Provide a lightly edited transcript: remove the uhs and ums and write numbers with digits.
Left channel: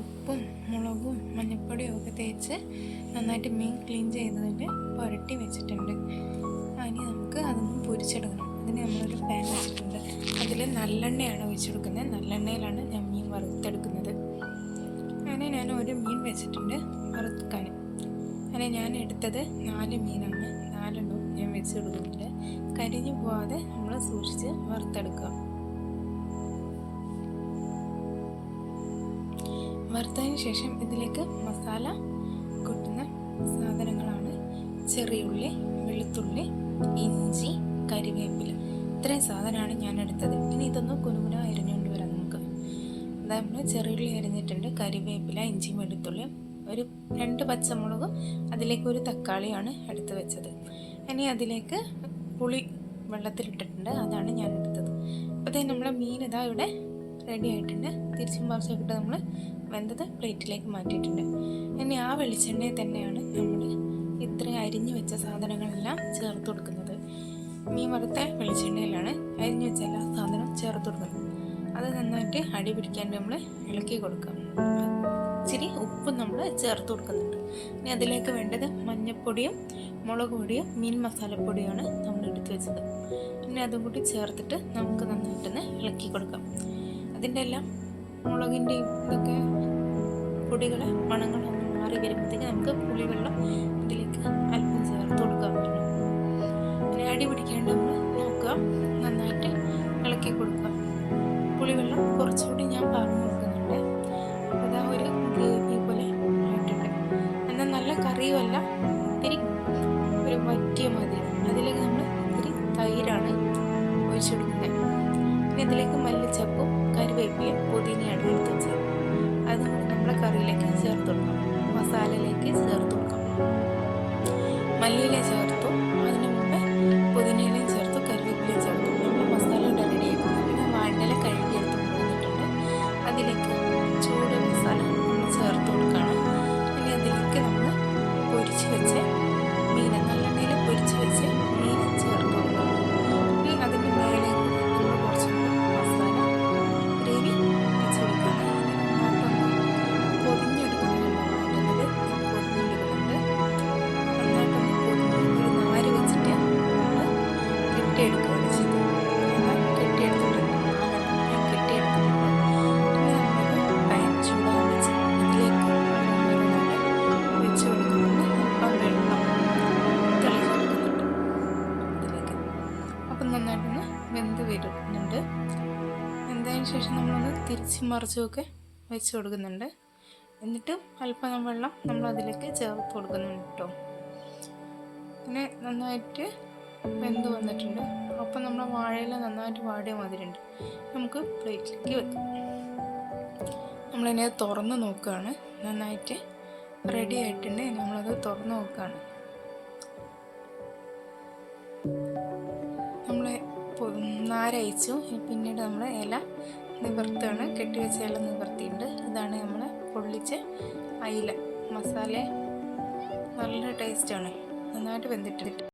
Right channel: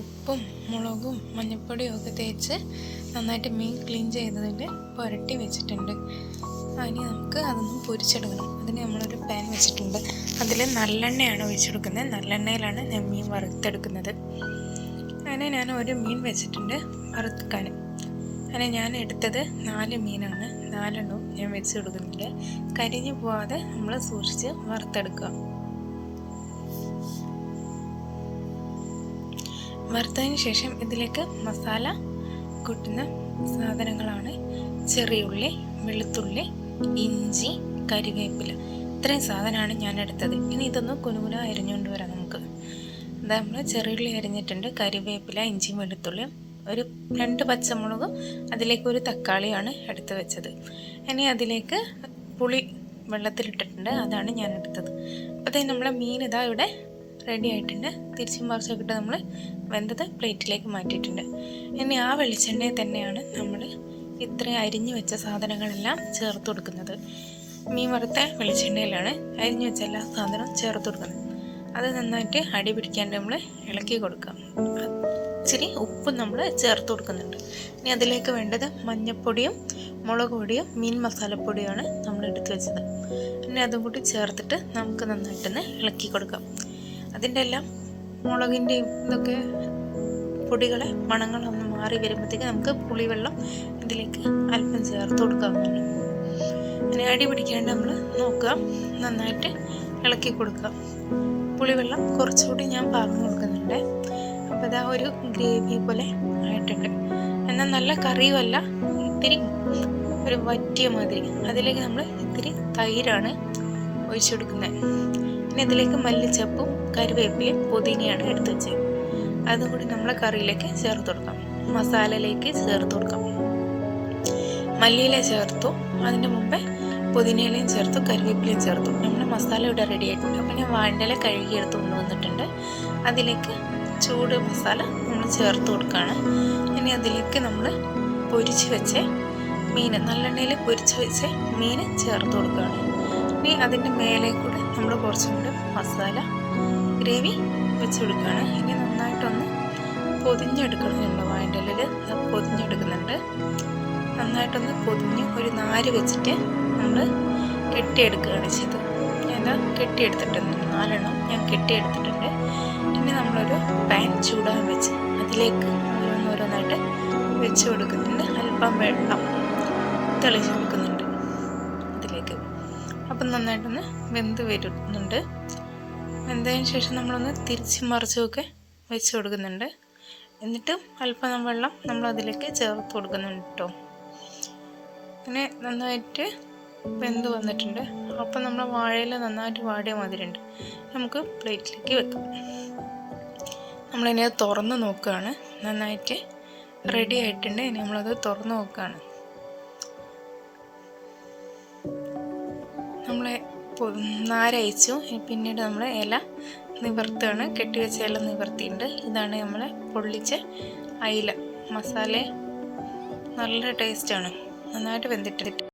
ഉപ്പും മുളകും മഞ്ഞൾപ്പൊടിയും ഒക്കെ തേച്ച് നന്നായിട്ട് മീൻ ക്ലീൻ ചെയ്തതിൽ പുരട്ടി വെച്ചിട്ടുണ്ട്. ഇനി നമുക്ക് അതൊന്ന് പൊരിച്ചെടുക്കണം. അതിന് നമ്മളൊരു പാൻ വെച്ചിട്ടുണ്ട്. അതിൽ നല്ലെണ്ണയാണ് ഒഴിച്ചെടുക്കുന്നത്. നല്ലെണ്ണയിലാണ് ഞാൻ മീൻ വറുത്തെടുക്കുന്നത്. അങ്ങനെ ഞാൻ ഒരു മീൻ വെച്ചിട്ടുണ്ട് വറുക്കാൻ. അങ്ങനെ ഞാൻ എടുത്തത് 4 മീനാണ്. 4 ഞാൻ വെച്ച് കൊടുക്കുന്നുണ്ട്. കരിഞ്ഞു പോവാതെ നമ്മൾ സൂക്ഷിച്ച് വറുത്തെടുക്കുക. വറുത്തതിന് ശേഷം ഇതിലേക്ക് മസാല കൂട്ടുന്ന സാധനങ്ങളാണ് ചെറിയ ഉള്ളി, വെളുത്തുള്ളി, ഇഞ്ചി, കരിവേപ്പില. ഇത്രയും സാധനമാണ് ഞാൻ എടുത്തത്. ഇനി ഇതൊന്ന് കുനുകുന അരിഞ്ഞുകൊണ്ട് വരാം നമുക്ക്. അതാ നമ്മൾ ചെറിയുള്ളി അരിഞ്ഞിട്ടുണ്ട്, കരിവേപ്പില, ഇഞ്ചിയും വെളുത്തുള്ളിയും, ഒരു 2 പച്ചമുളകും, അതിലേക്ക് ഒരു തക്കാളിയാണ് എടുത്ത് വെച്ചത്. ഇനി അതിലേക്ക് പുളി വെള്ളത്തിലിട്ടിട്ടുണ്ട്, അതാണ് ഞാൻ എടുത്തത്. അപ്പോഴത്തേക്കും നമ്മളെ മീൻ ഇതാ ഇവിടെ റെഡി ആയിട്ടുണ്ട്. തിരിച്ചും മറിച്ചൊക്കെ ഇട്ട് നമ്മൾ വെന്തത് പ്ലേറ്റിലേക്ക് മാറ്റിയിട്ടുണ്ട്. ഇനി ആ വെളിച്ചെണ്ണയിൽ തന്നെയാണ് നമ്മൾ ഇത്രയും അരിഞ്ഞു വെച്ച സാധനങ്ങളെല്ലാം ചേർത്ത് കൊടുക്കുന്നത്. മീൻ വറുത്ത വെളിച്ചെണ്ണയിലാണ് അരിഞ്ഞു വെച്ച എല്ലാ സാധനവും ചേർത്ത് കൊടുക്കുന്നത്. അത് നന്നായിട്ട് അടി പിടിക്കാണ്ട് നമ്മൾ ഇളക്കി കൊടുക്കാം. ഇച്ചിരി ഉപ്പും നമ്മൾ ചേർത്ത് കൊടുക്കുന്നുണ്ട്. ഇനി അതിലേക്ക് വേണ്ടത് മഞ്ഞൾപ്പൊടിയും മുളക് പൊടിയും മീൻ മസാലപ്പൊടിയാണ് നമ്മൾ എടുത്ത് വെച്ചത്. ഇനി അതും കൂടി ചേർത്തിട്ട് നമുക്ക് നന്നായിട്ടൊന്ന് ഇളക്കി കൊടുക്കാം. അതിൻ്റെ എല്ലാം മുളകിൻ്റെയും ഇതൊക്കെ പൊടികളെ മണങ്ങളൊന്ന് മാറി വരുമ്പോഴത്തേക്ക് നമുക്ക് പുളിവെള്ളം ഇതിലേക്ക് അല്പം ചേർത്ത് കൊടുക്കാവുന്നതാണ്. അങ്ങനെ അടി പിടിക്കാണ്ട് നമ്മൾ നോക്കുക, നന്നായിട്ട് ഇളക്കി കൊടുക്കുക. പുളിവെള്ളം കുറച്ചുകൂടി ഞാൻ പറഞ്ഞു കൊടുക്കുന്നുണ്ട്. അപ്പോൾ ഇതാ ഒരു ഗ്രേവി പോലെ ആയിട്ടുണ്ട്. എന്നാൽ നല്ല കറിയുമല്ല, ഇത്തിരി ഒരു വറ്റിയ മാതിരി. അതിലേക്ക് നമ്മൾ ഇത്തിരി തൈരാണ് ഒഴിച്ചു കൊടുക്കുന്നത്. ഇനി അതിലേക്ക് മല്ലിച്ചപ്പും കറിവേപ്പിലയും പുതിനയാണ് എടുത്ത് വെച്ചത്. അതും കൂടി നമ്മൾ കറിയിലേക്ക് ചേർത്ത് കൊടുക്കാം, മസാലയിലേക്ക് ചേർത്ത് കൊടുക്കാം. മല്ലിയില ചേർത്തു, അതിന് മുമ്പേ പുതിനയിലയും ചേർത്തു, കറിവേപ്പിലയും ചേർത്തു. നമ്മൾ മസാല ഇവിടെ റെഡി ആയിട്ടുണ്ട്. പിന്നെ വാഴയില കഴുകി എടുത്ത് കൊണ്ടുവന്നിട്ടുണ്ട്. അതിലേക്ക് ചൂട് മസാല നമ്മൾ ചേർത്ത് കൊടുക്കുകയാണ്. ഇനി അതിലേക്ക് നമ്മൾ പൊരിച്ച് വെച്ച് മീൻ, നല്ലെണ്ണയിൽ പൊരിച്ച് വെച്ച് മീൻ ചേർത്ത് കൊടുക്കുകയാണ്. ഇനി അതിൻ്റെ മേലെ കൂടെ നമ്മൾ കുറച്ചുകൂടി മസാല ഗ്രേവി വെച്ച് കൊടുക്കുകയാണ്. ഇനി നന്നായിട്ടൊന്ന് പൊതിഞ്ഞെടുക്കണം. നമ്മൾ വാഴയിലയിൽ പൊതിഞ്ഞെടുക്കുന്നുണ്ട്. നന്നായിട്ടൊന്ന് പൊതിഞ്ഞ് ഒരു നാര് വെച്ചിട്ട് നമ്മൾ കെട്ടിയെടുക്കുകയാണ് ചെയ്തത്. ഞാൻ കെട്ടിയെടുത്തിട്ടുണ്ട്, 4 ഞാൻ കെട്ടിയെടുത്തിട്ടുണ്ട്. പിന്നെ നമ്മളൊരു പാൻ ചൂടാൻ വെച്ച് അതിലേക്ക് ഓരോന്നോരോന്നായിട്ട് വെച്ച് കൊടുക്കുന്നുണ്ട്. അല്പം വെള്ളം തെളിച്ച് കൊടുക്കുന്നുണ്ട് അതിലേക്ക്. അപ്പം നന്നായിട്ടൊന്ന് വെന്ത് വരുന്നുണ്ട്. വെന്തതിന് ശേഷം നമ്മളൊന്ന് തിരിച്ച് മറിച്ചുമൊക്കെ വെച്ച് കൊടുക്കുന്നുണ്ട്. എന്നിട്ടും അല്പം വെള്ളം നമ്മൾ അതിലേക്ക് ചേർത്ത് കൊടുക്കുന്നുണ്ട് കേട്ടോ. അങ്ങനെ നന്നായിട്ട് വെന്ത് വന്നിട്ടുണ്ട്. അപ്പം നമ്മൾ വാഴയില നന്നായിട്ട് വാടിയ മാതിരിയുണ്ട്. നമുക്ക് പ്ലേറ്റിലേക്ക് വെക്കാം. നമ്മളിനി തുറന്ന് നോക്കുകയാണ്. നന്നായിട്ട് റെഡി ആയിട്ടുണ്ട്. ഇനി നമ്മളത് തുറന്ന് നോക്കുകയാണ്. നമ്മൾ നാരയച്ചു. പിന്നീട് നമ്മൾ ഇല നിവർത്തുകയാണ്. കെട്ടിവെച്ച ഇല നിവർത്തിയിട്ടുണ്ട്. ഇതാണ് നമ്മൾ പൊള്ളിച്ച അയില. മസാല നല്ല ടേസ്റ്റാണ്, നന്നായിട്ട് വെന്തിട്ട്.